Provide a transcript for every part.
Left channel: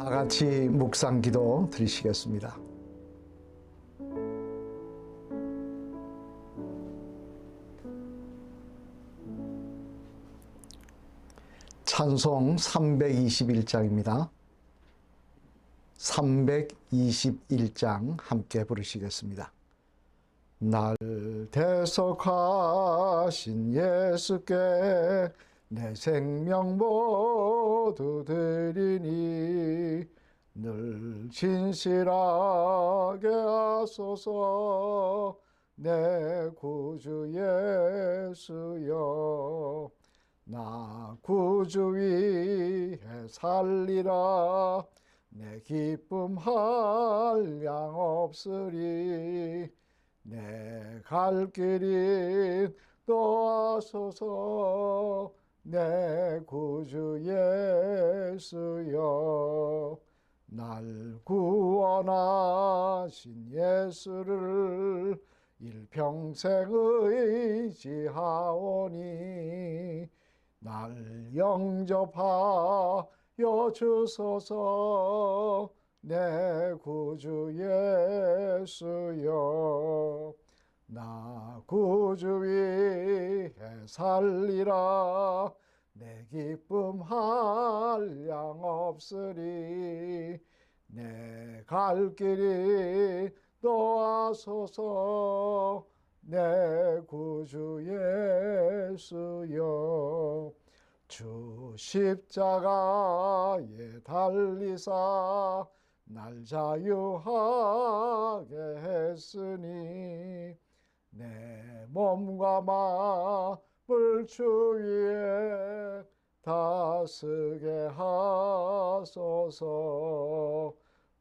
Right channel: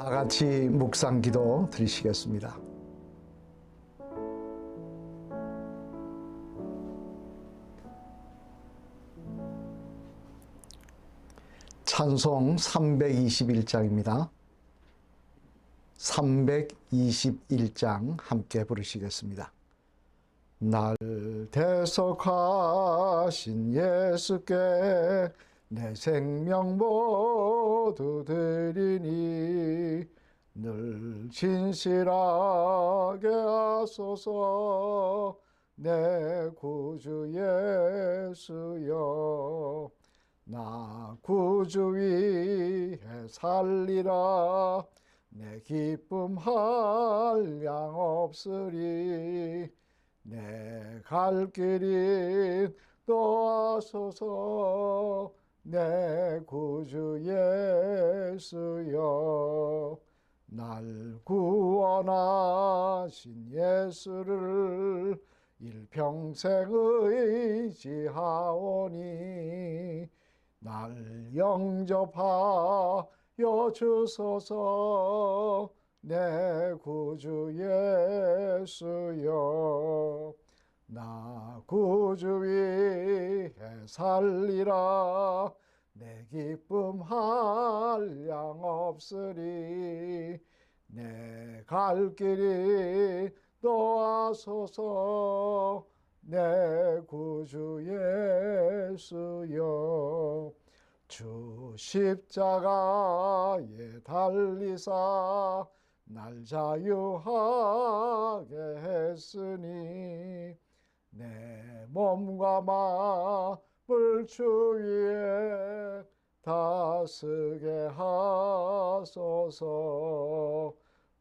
다 같이 묵상 기도 드리시겠습니다. 찬송 321장입니다. 321장 함께 부르시겠습니다. 날 대속하신 예수께 내 생명 모두 드리니 늘 진실하게 하소서 내 구주 예수여. 나 구주 위에 살리라 내 기쁨 한량 없으리 내 갈 길이 또하소서 내 구주 예수여. 날 구원하신 예수를 일평생 의지하오니 날 영접하여 주소서 내 구주 예수여. 나 구주 위에 살리라 내 기쁨 한량 없으리 내 갈 길이 또하소서 내 구주 예수여. 주 십자가에 달리사 날 자유하게 했으니 내 몸과 마음을 주 위에 다스게 하소서.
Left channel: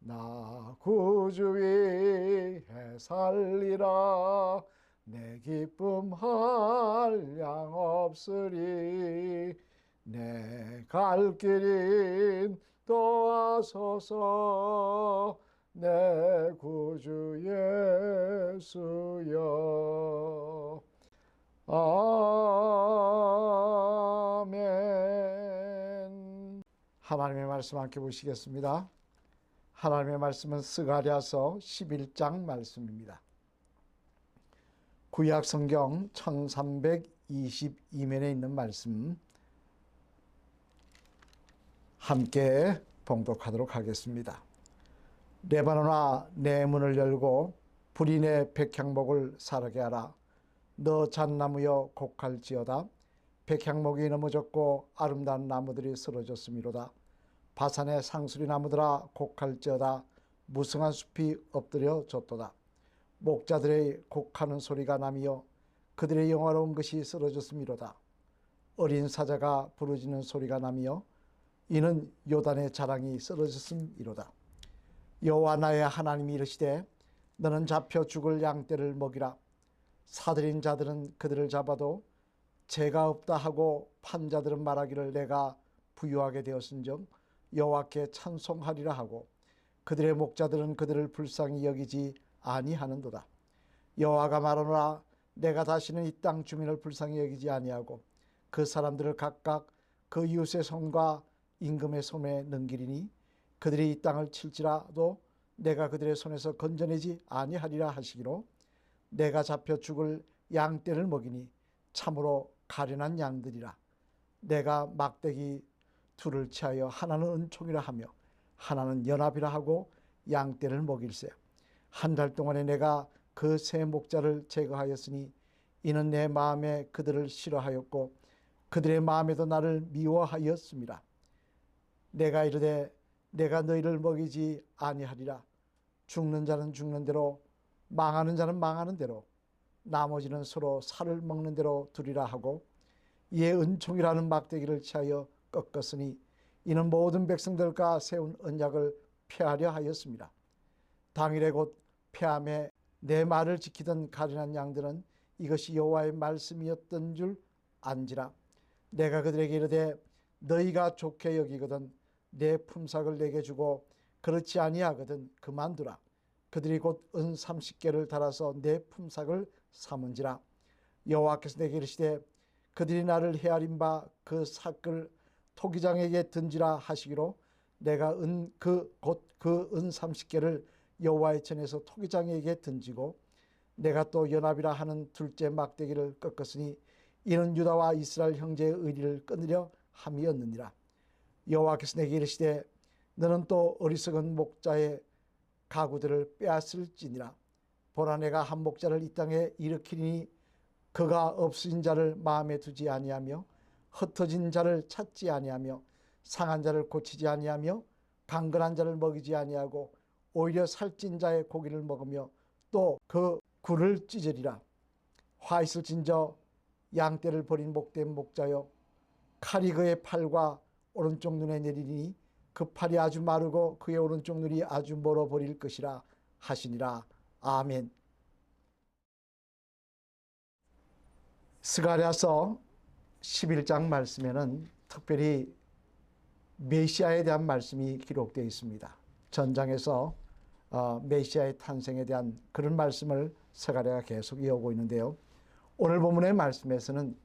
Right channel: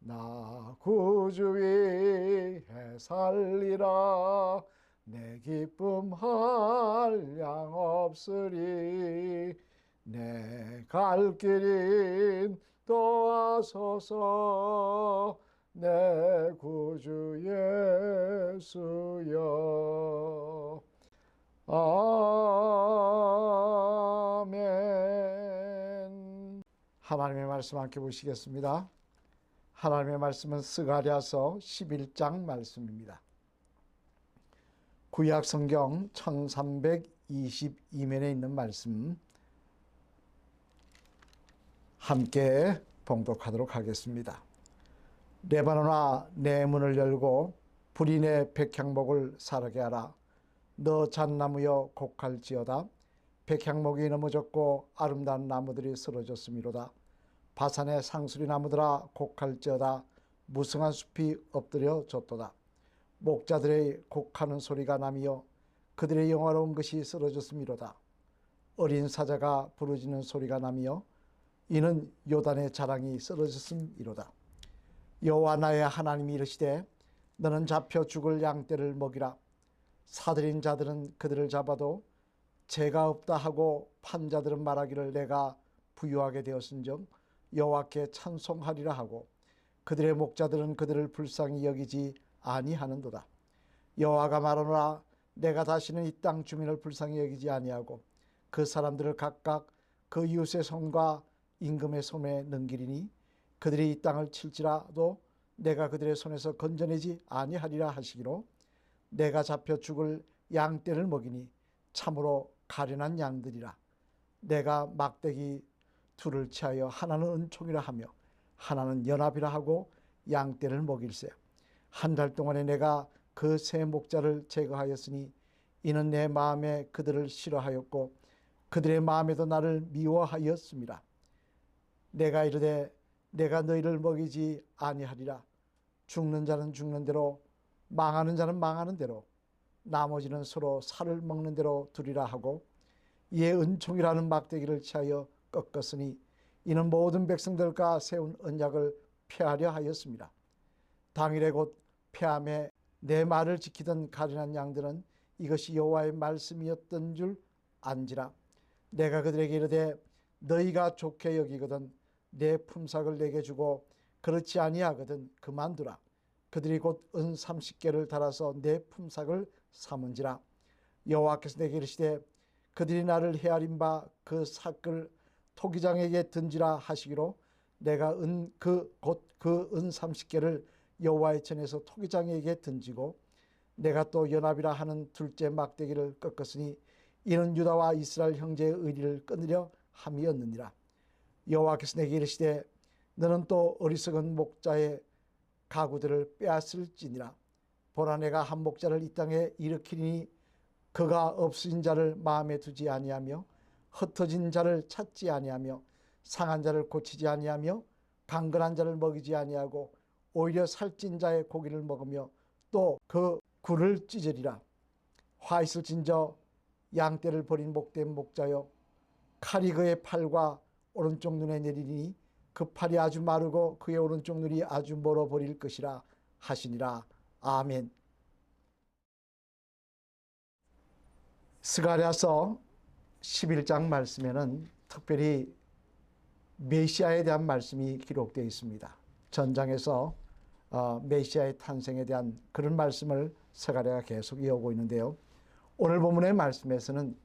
나 구주 위에 살리라 내 기쁨 한량 없으리 내 갈 길인 또하소서 내 구주 예수여. 아멘. 하나님의 말씀 함께 보시겠습니다. 하나님의 말씀은 스가랴서 11장 말씀입니다. 구약 성경 1322면에 있는 말씀 함께 봉독하도록 하겠습니다. 레바논아 내 문을 열고 불이 내 백향목을 사르게 하라. 너 잣나무여 곡할지어다. 백향목이 넘어졌고 아름다운 나무들이 쓰러졌음이로다. 바산의 상수리 나무들아 곡할지어다. 무성한 숲이 엎드려졌도다. 목자들의 곡하는 소리가 나며 그들의 영화로운 것이 쓰러졌음이로다. 어린 사자가 부르짖는 소리가 나며 이는 요단의 자랑이 쓰러졌음이로다. 여호와 나의 하나님이 이르시되 너는 잡혀 죽을 양떼를 먹이라. 사들인 자들은 그들을 잡아도 죄가 없다 하고 판 자들은 말하기를 내가 부유하게 되었은즉 여호와께 찬송하리라 하고 그들의 목자들은 그들을 불쌍히 여기지 아니하는도다. 여호와가 말하노라. 내가 다시는 이 땅 주민을 불쌍히 여기지 아니하고 그 사람들을 각각 그 이웃의 손과 임금의 손에 넘기리니 그들이 이 땅을 칠지라도 내가 그들의 손에서 건져내지 아니하리라 하시기로 내가 잡혀 죽을 양떼를 먹이니 참으로 가련한 양들이라. 내가 막대기 둘을 취하여 하나는 은총이라 하며 하나는 연합이라 하고 양떼를 먹일세. 한 달 동안에 내가 그 세 목자를 제거하였으니 이는 내 마음에 그들을 싫어하였고 그들의 마음에도 나를 미워하였습니다. 내가 이르되 내가 너희를 먹이지 아니하리라. 죽는 자는 죽는 대로 망하는 자는 망하는 대로 나머지는 서로 살을 먹는 대로 두리라 하고 이에 은총이라는 막대기를 취하여 꺾었으니 이는 모든 백성들과 세운 언약을 폐하려 하였습니다. 당일에 곧 폐함에 내 말을 지키던 가련한 양들은 이것이 여호와의 말씀이었던 줄 안지라. 내가 그들에게 이르되 너희가 좋게 여기거든 내 품삯을 내게 주고 그렇지 아니하거든 그만두라. 그들이 곧 은 30개를 달아서 내 품삯을 삼은지라. 여호와께서 내게 이르시되 그들이 나를 헤아린 바 그 삭을 토기장에게 던지라 하시기로 내가 곧 그 은 30개를 여호와의 전에서 토기장에게 던지고 내가 또 연합이라 하는 둘째 막대기를 꺾었으니 이는 유다와 이스라엘 형제의 의리를 끊으려 함이었느니라. 여호와께서 내게 이르시되 너는 또 어리석은 목자의 가구들을 빼앗을지니라. 보라 내가 한 목자를 이 땅에 일으키리니 그가 없으신 자를 마음에 두지 아니하며 흩어진 자를 찾지 아니하며 상한 자를 고치지 아니하며 강건한 자를 먹이지 아니하고 오히려 살찐 자의 고기를 먹으며 또 그 굴을 찢으리라. 화 있을진저 양떼를 버린 목된 목자여 칼이 그의 팔과 오른쪽 눈에 내리니 그 팔이 아주 마르고 그의 오른쪽 눈이 아주 멀어 버릴 것이라 하시니라. 아멘. 스가랴서 11장 말씀에는 특별히 메시아에 대한 말씀이 기록되어 있습니다. 전장에서 메시아의 탄생에 대한 그런 말씀을 스가랴가 계속 이어오고 있는데요. 오늘 본문의 말씀에서는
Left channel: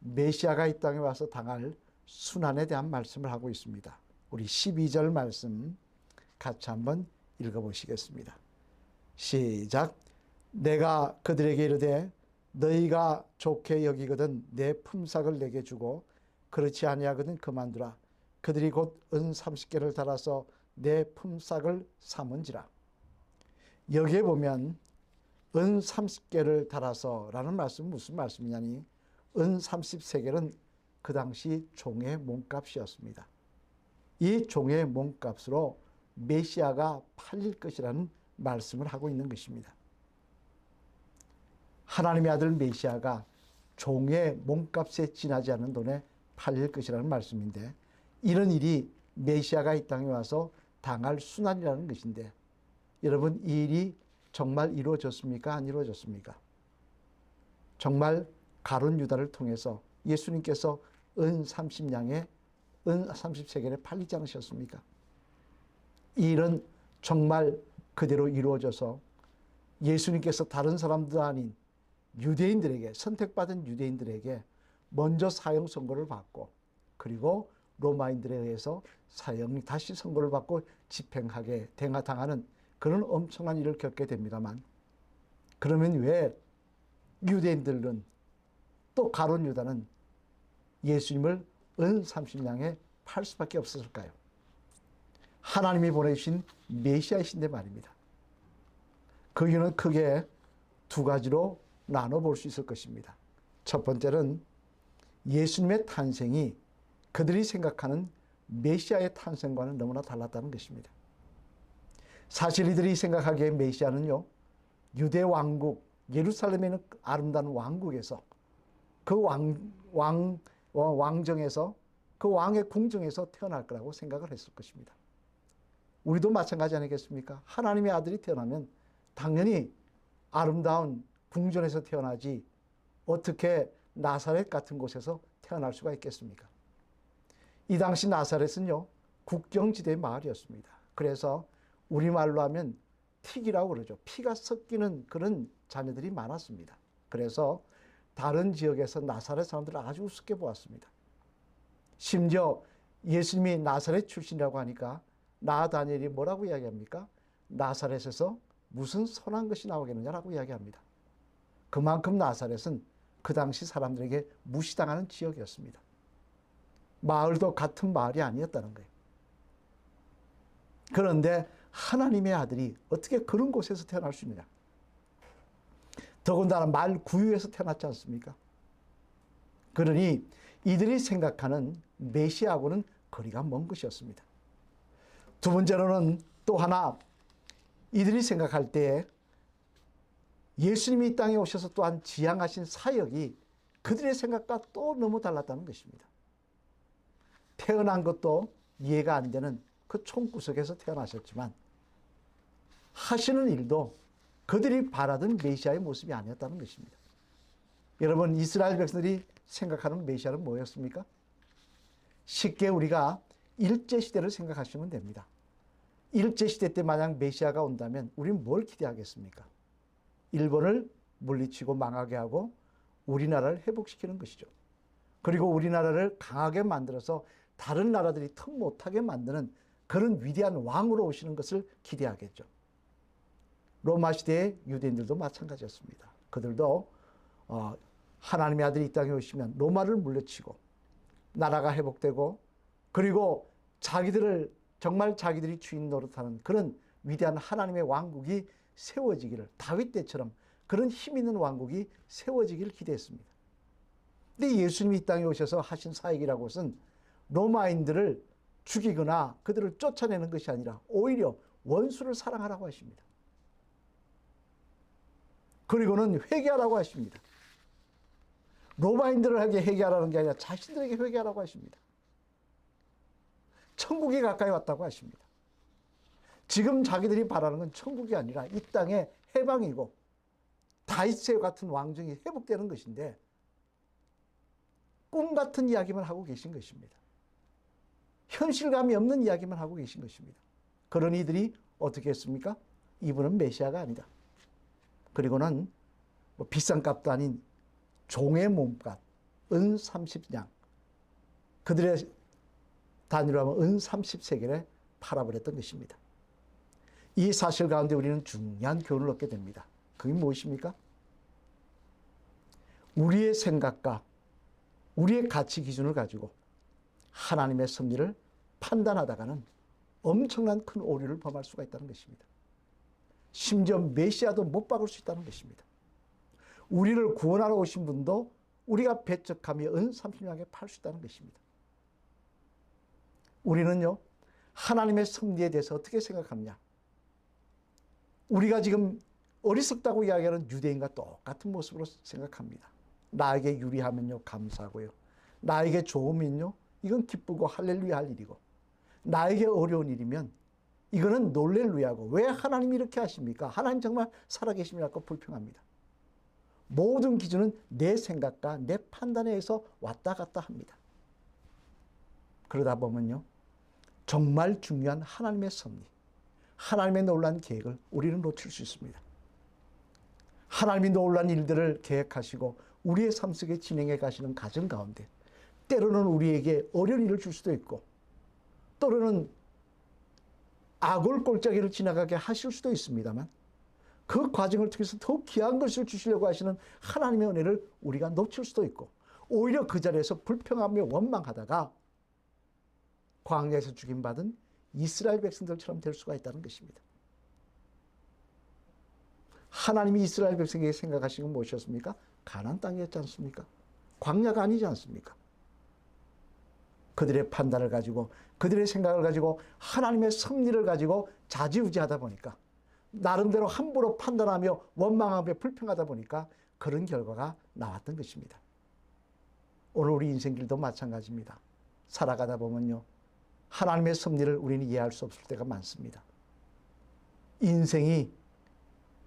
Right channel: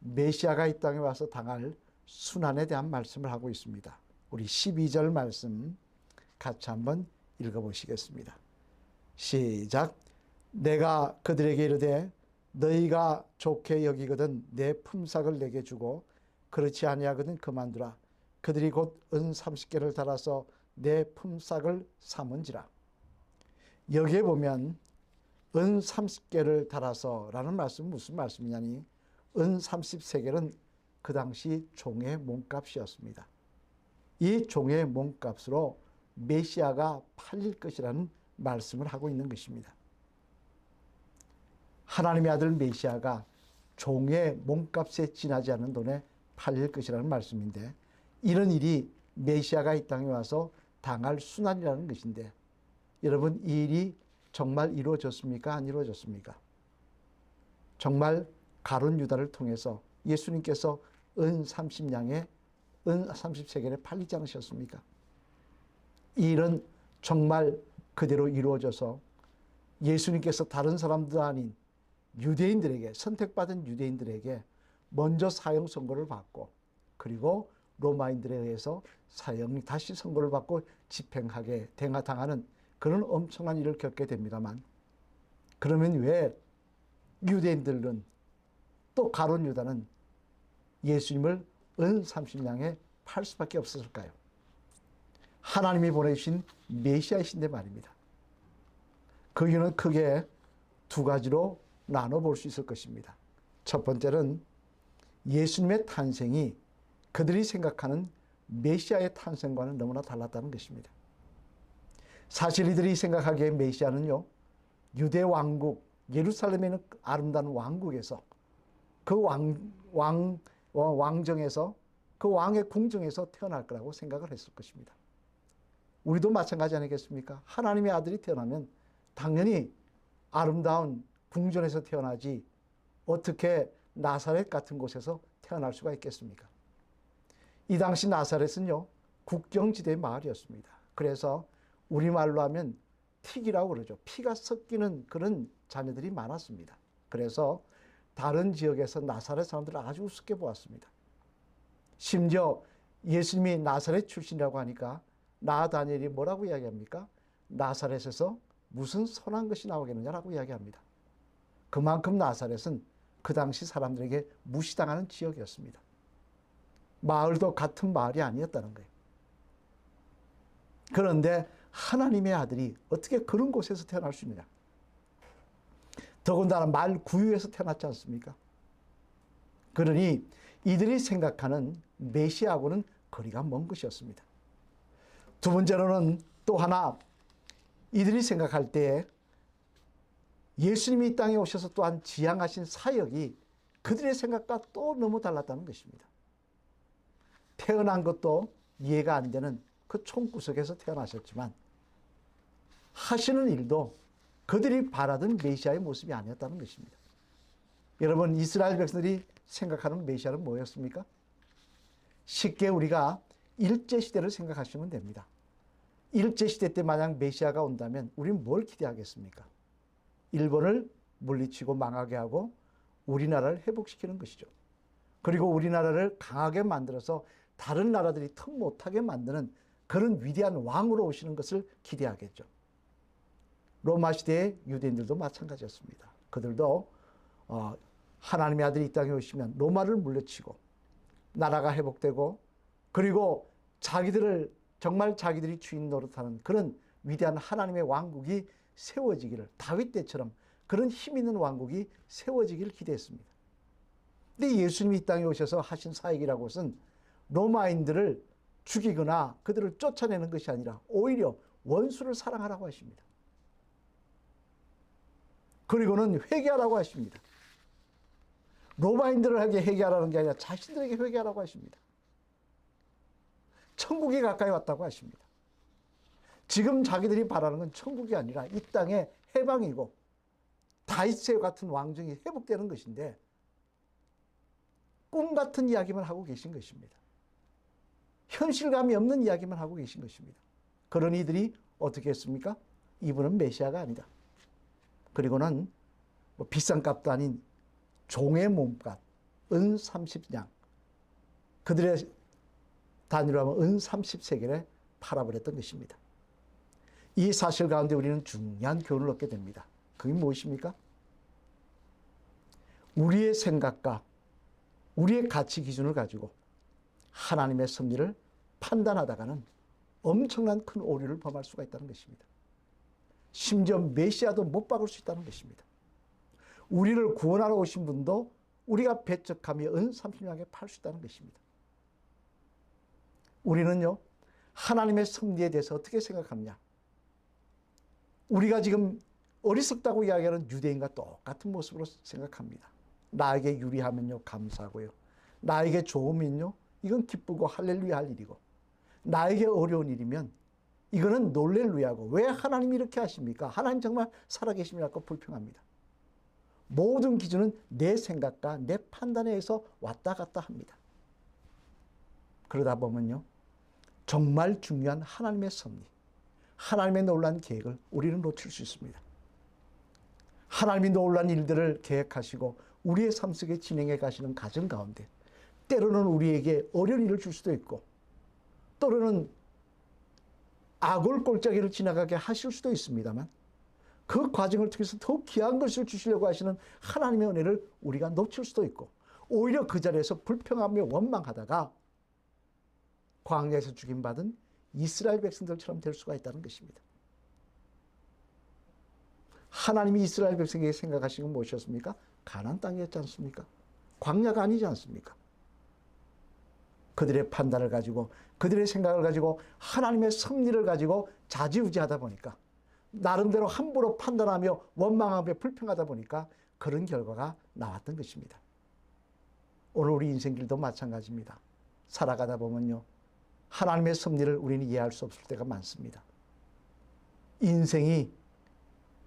메시아가 이 땅에 와서 당할 순환에 대한 말씀을 하고 있습니다. 우리 12절 말씀 같이 한번 읽어보시겠습니다. 시작. 내가 그들에게 이르되 너희가 좋게 여기거든 내 품삯을 내게 주고 그렇지 아니하거든 그만두라. 그들이 곧 은 30개를 달아서 내 품삯을 삼은지라. 여기에 보면 은 30개를 달아서 라는 말씀은 무슨 말씀이냐니 은 33개는 그 당시 종의 몸값이었습니다. 이 종의 몸값으로 메시아가 팔릴 것이라는 말씀을 하고 있는 것입니다. 하나님의 아들 메시아가 종의 몸값에 지나지 않는 돈에 팔릴 것이라는 말씀인데 이런 일이 메시아가 이 땅에 와서 당할 순환이라는 것인데 여러분 이 일이 정말 이루어졌습니까? 안 이루어졌습니까? 정말 가룟 유다를 통해서 예수님께서 은 30냥에 은 30세겔에 팔리지 않으셨습니까? 이 일은 정말 그대로 이루어져서 예수님께서 다른 사람들 아닌 유대인들에게 선택받은 유대인들에게 먼저 사형 선고를 받고 그리고 로마인들에 의해서 사형이 다시 선고를 받고 집행하게 당하는 그런 엄청난 일을 겪게 됩니다만 그러면 왜 유대인들은 또 가룟 유다는 예수님을 은 30냥에 팔 수밖에 없었을까요? 하나님이 보내주신 메시아이신데 말입니다. 그 이유는 크게 두 가지로 나눠볼 수 있을 것입니다. 첫 번째는 예수님의 탄생이 그들이 생각하는 메시아의 탄생과는 너무나 달랐다는 것입니다. 사실 이들이 생각하기에 메시아는요, 유대 왕국, 예루살렘에 있는 아름다운 왕국에서 그 왕정에서 그 왕의 궁정에서 태어날 거라고 생각을 했을 것입니다. 우리도 마찬가지 아니겠습니까? 하나님의 아들이 태어나면 당연히 아름다운 궁전에서 태어나지 어떻게 나사렛 같은 곳에서 태어날 수가 있겠습니까? 이 당시 나사렛은요, 국경지대의 마을이었습니다. 그래서 우리말로 하면 틱이라고 그러죠. 피가 섞이는 그런 자녀들이 많았습니다. 그래서 다른 지역에서 나사렛 사람들을 아주 우습게 보았습니다. 심지어 예수님이 나사렛 출신이라고 하니까 다니엘이 뭐라고 이야기합니까? 나사렛에서 무슨 선한 것이 나오겠느냐라고 이야기합니다. 그만큼 나사렛은 그 당시 사람들에게 무시당하는 지역이었습니다. 마을도 같은 마을이 아니었다는 거예요. 그런데 하나님의 아들이 어떻게 그런 곳에서 태어날 수 있느냐? 더군다나 말 구유에서 태어났지 않습니까? 그러니 이들이 생각하는 메시아하고는 거리가 먼 것이었습니다. 두 번째로는 또 하나 이들이 생각할 때 예수님이 이 땅에 오셔서 또한 지향하신 사역이 그들의 생각과 또 너무 달랐다는 것입니다. 태어난 것도 이해가 안 되는 그 총구석에서 태어나셨지만 하시는 일도 그들이 바라던 메시아의 모습이 아니었다는 것입니다. 여러분, 이스라엘 백성들이 생각하는 메시아는 뭐였습니까? 쉽게 우리가 일제시대를 생각하시면 됩니다. 일제시대 때 만약 메시아가 온다면 우리는 뭘 기대하겠습니까? 일본을 물리치고 망하게 하고 우리나라를 회복시키는 것이죠. 그리고 우리나라를 강하게 만들어서 다른 나라들이 턱 못하게 만드는 그런 위대한 왕으로 오시는 것을 기대하겠죠. 로마 시대의 유대인들도 마찬가지였습니다. 그들도 하나님의 아들이 이 땅에 오시면 로마를 물리치고 나라가 회복되고, 그리고 정말 자기들이 주인 노릇하는 그런 위대한 하나님의 왕국이 세워지기를, 다윗 때처럼 그런 힘 있는 왕국이 세워지기를 기대했습니다. 근데 예수님이 이 땅에 오셔서 하신 사역이라고 것은 로마인들을 죽이거나 그들을 쫓아내는 것이 아니라 오히려 원수를 사랑하라고 하십니다. 그리고는 회개하라고 하십니다. 로마인들에게 회개하라는 게 아니라 자신들에게 회개하라고 하십니다. 천국이 가까이 왔다고 하십니다. 지금 자기들이 바라는 건 천국이 아니라 이 땅의 해방이고 다윗의 같은 왕정이 회복되는 것인데, 꿈 같은 이야기만 하고 계신 것입니다. 현실감이 없는 이야기만 하고 계신 것입니다. 그런 이들이 어떻게 했습니까? 이분은 메시아가 아니다. 그리고는 비싼 값도 아닌 종의 몸값, 은 30냥, 그들의 단위로 하면 은 30세겔에 팔아버렸던 것입니다. 이 사실 가운데 우리는 중요한 교훈을 얻게 됩니다. 그게 무엇입니까? 우리의 생각과 우리의 가치 기준을 가지고 하나님의 섭리를 판단하다가는 엄청난 큰 오류를 범할 수가 있다는 것입니다. 심지어 메시아도 못 박을 수 있다는 것입니다. 우리를 구원하러 오신 분도 우리가 배척하며 은 30냥에 팔 수 있다는 것입니다. 우리는요, 하나님의 섭리에 대해서 어떻게 생각하느냐? 우리가 지금 어리석다고 이야기하는 유대인과 똑같은 모습으로 생각합니다. 나에게 유리하면요, 감사하고요. 나에게 좋으면요, 이건 기쁘고 할렐루야 할 일이고, 나에게 어려운 일이면 이거는 놀렐루야고, 왜 하나님이 이렇게 하십니까? 하나님 정말 살아계심이라고 불평합니다. 모든 기준은 내 생각과 내 판단에 의해서 왔다 갔다 합니다. 그러다 보면요, 정말 중요한 하나님의 섭리, 하나님의 놀라운 계획을 우리는 놓칠 수 있습니다. 하나님이 놀라운 일들을 계획하시고 우리의 삶 속에 진행해 가시는 과정 가운데 때로는 우리에게 어려운 일을 줄 수도 있고, 때로는 악을 골짜기를 지나가게 하실 수도 있습니다만, 그 과정을 통해서 더 귀한 것을 주시려고 하시는 하나님의 은혜를 우리가 놓칠 수도 있고, 오히려 그 자리에서 불평하며 원망하다가 광야에서 죽임받은 이스라엘 백성들처럼 될 수가 있다는 것입니다. 하나님이 이스라엘 백성에게 생각하신 건 무엇이었습니까? 가나안 땅이었지 않습니까? 광야가 아니지 않습니까? 그들의 판단을 가지고, 그들의 생각을 가지고, 하나님의 섭리를 가지고 좌지우지하다 보니까, 나름대로 함부로 판단하며 원망하며 불평하다 보니까 그런 결과가 나왔던 것입니다. 오늘 우리 인생길도 마찬가지입니다. 살아가다 보면요, 하나님의 섭리를 우리는 이해할 수 없을 때가 많습니다. 인생이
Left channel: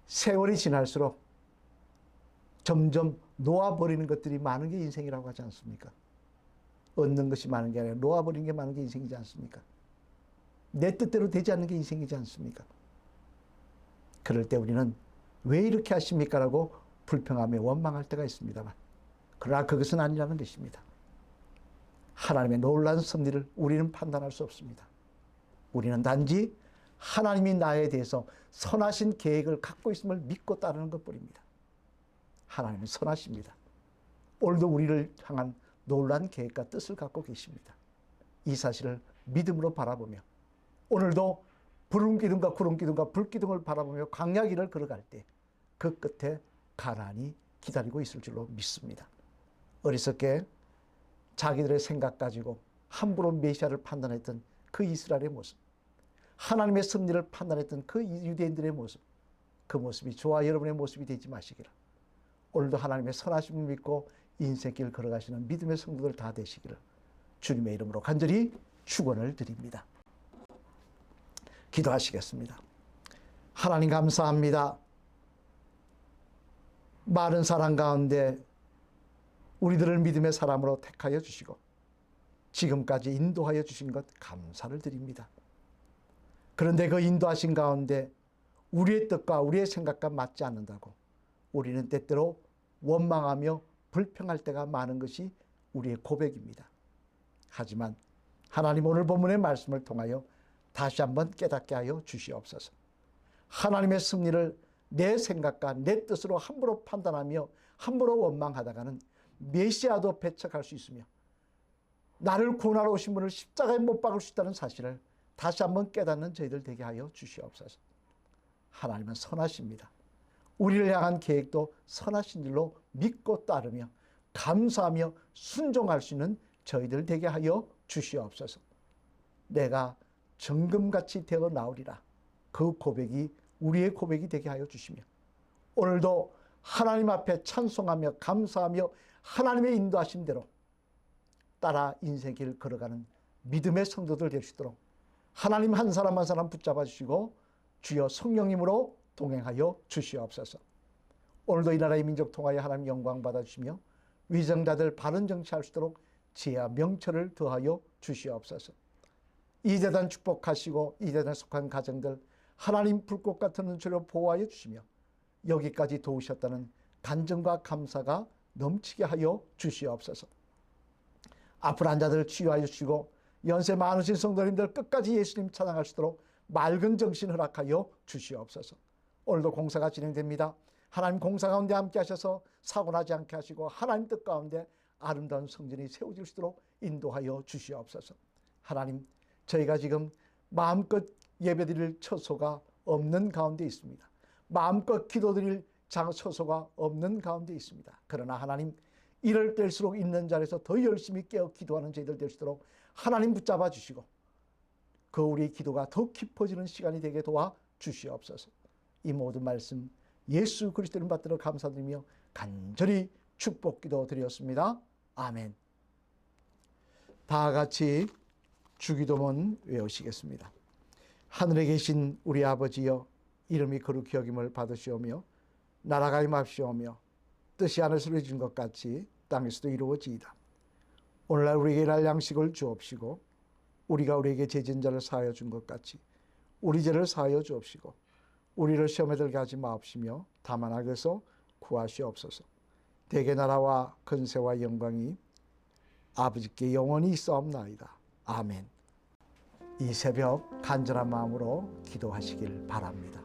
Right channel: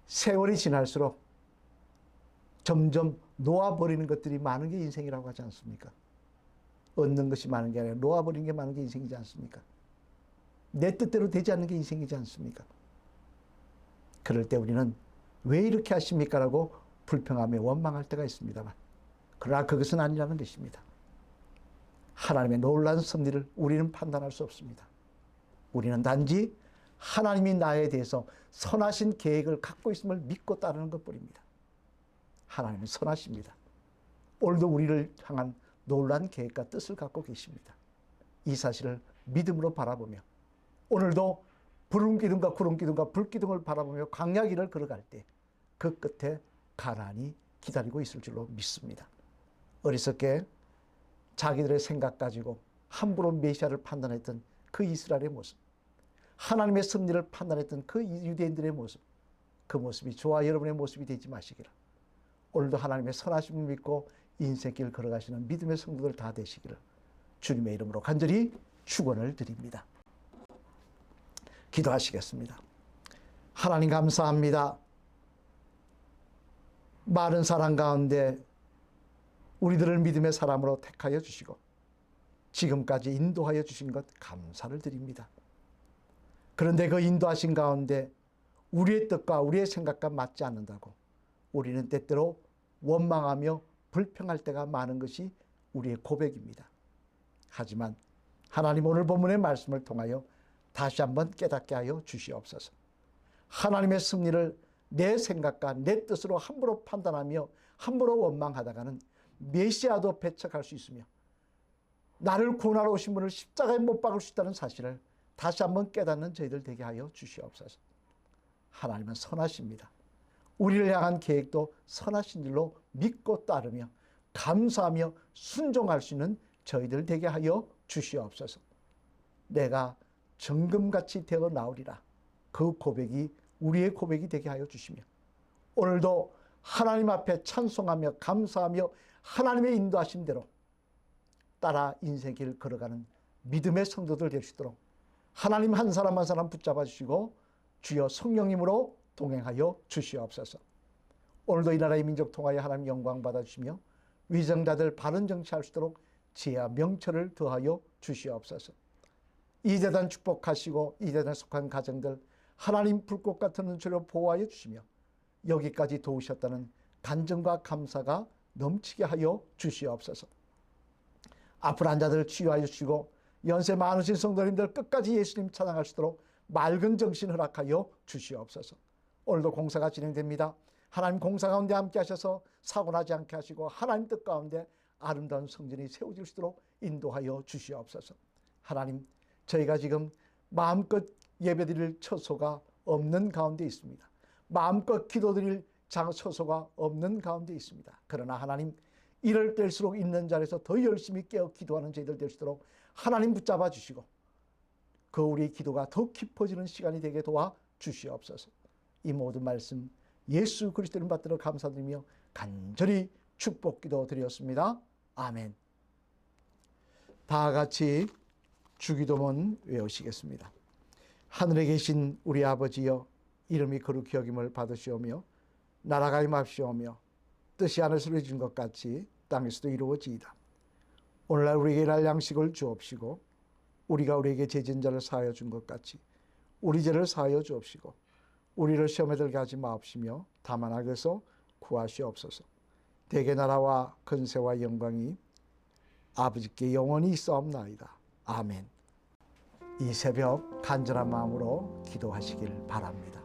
세월이 지날수록 점점 놓아버리는 것들이 많은 게 인생이라고 하지 않습니까? 얻는 것이 많은 게 아니라 놓아버리는 게 많은 게 인생이지 않습니까? 내 뜻대로 되지 않는 게 인생이지 않습니까? 그럴 때 우리는 왜 이렇게 하십니까? 라고 불평하며 원망할 때가 있습니다만, 그러나 그것은 아니라는 것입니다. 하나님의 놀라운 섭리를 우리는 판단할 수 없습니다. 우리는 단지 하나님이 나에 대해서 선하신 계획을 갖고 있음을 믿고 따르는 것뿐입니다. 하나님은 선하십니다. 오늘도 우리를 향한 놀라운 계획과 뜻을 갖고 계십니다. 이 사실을 믿음으로 바라보며 오늘도 푸른 기둥과 구름 기둥과 불 기둥을 바라보며 광야길을 걸어갈 때 그 끝에 가나안이 기다리고 있을 줄로 믿습니다. 어리석게 자기들의 생각 가지고 함부로 메시아를 판단했던 그 이스라엘의 모습, 하나님의 섭리를 판단했던 그 유대인들의 모습, 그 모습이 저와 여러분의 모습이 되지 마시기를, 오늘도 하나님의 선하심을 믿고 인생길 걸어가시는 믿음의 성도들 다 되시기를 주님의 이름으로 간절히 축원을 드립니다. 기도하시겠습니다. 하나님 감사합니다. 많은 사람 가운데 우리들을 믿음의 사람으로 택하여 주시고 지금까지 인도하여 주신 것 감사를 드립니다. 그런데 그 인도하신 가운데 우리의 뜻과 우리의 생각과 맞지 않는다고 우리는 때때로 원망하며 불평할 때가 많은 것이 우리의 고백입니다. 하지만 하나님 오늘 본문의 말씀을 통하여 다시 한번 깨닫게 하여 주시옵소서. 하나님의 승리를 내 생각과 내 뜻으로 함부로 판단하며 함부로 원망하다가는 메시아도 배척할 수 있으며 나를 구원하러 오신 분을 십자가에 못 박을 수 있다는 사실을 다시 한번 깨닫는 저희들 되게 하여 주시옵소서. 하나님은 선하십니다. 우리를 향한 계획도 선하신 줄로 믿고 따르며 감사하며 순종할 수 있는 저희들 되게 하여 주시옵소서. 내가 정금같이 되어 나오리라. 그 고백이 우리의 고백이 되게 하여 주시며 오늘도 하나님 앞에 찬송하며 감사하며 하나님의 인도하신 대로 따라 인생의 길을 걸어가는 믿음의 성도들 될 수 있도록 하나님 한 사람 한 사람 붙잡아 주시고 주여 성령님으로 동행하여 주시옵소서. 오늘도 이 나라의 민족 통하여 하나님 영광 받아주시며 위정자들 바른 정치할 수 있도록 지혜와 명철을 더하여 주시옵소서. 이 재단 축복하시고 이 재단에 속한 가정들 하나님 불꽃 같은 눈초리로 보호하여 주시며 여기까지 도우셨다는 간증과 감사가 넘치게 하여 주시옵소서. 아픈 환자들 치유하여 주시고 연세 많으신 성도님들 끝까지 예수님 찬양할 수 있도록 맑은 정신 허락하여 주시옵소서. 오늘도 공사가 진행됩니다. 하나님 공사 가운데 함께 하셔서 사고 나지 않게 하시고 하나님 뜻 가운데 아름다운 성전이 세워질 수 있도록 인도하여 주시옵소서. 하나님, 저희가 지금 마음껏 예배드릴 처소가 없는 가운데 있습니다. 마음껏 기도드릴 처소가 없는 가운데 있습니다. 그러나 하나님, 이럴 때일수록 있는 자리에서 더 열심히 깨어 기도하는 저희들 될 수 있도록 하나님 붙잡아 주시고 그 우리의 기도가 더 깊어지는 시간이 되게 도와 주시옵소서. 이 모든 말씀 예수 그리스도 이름 받들어 감사드리며 간절히 축복기도 드렸습니다. 아멘. 다 같이 주기도문 외우시겠습니다. 하늘에 계신 우리 아버지여, 이름이 거룩히 여김을 받으시오며 나라가 임합시오며 뜻이 하늘에서 이루어진 것 같이 땅에서도 이루어지이다. 오늘날 우리에게 일할 양식을 주옵시고 우리가 우리에게 죄진 자를 사하여 준 것 같이 우리 죄를 사하여 주옵시고 우리를 시험에 들게 하지 마옵시며 다만 악에서 구하시옵소서. 대개 나라와 근세와 영광이 아버지께 영원히 있사옵나이다. 아멘. 이 새벽 간절한 마음으로 기도하시길 바랍니다.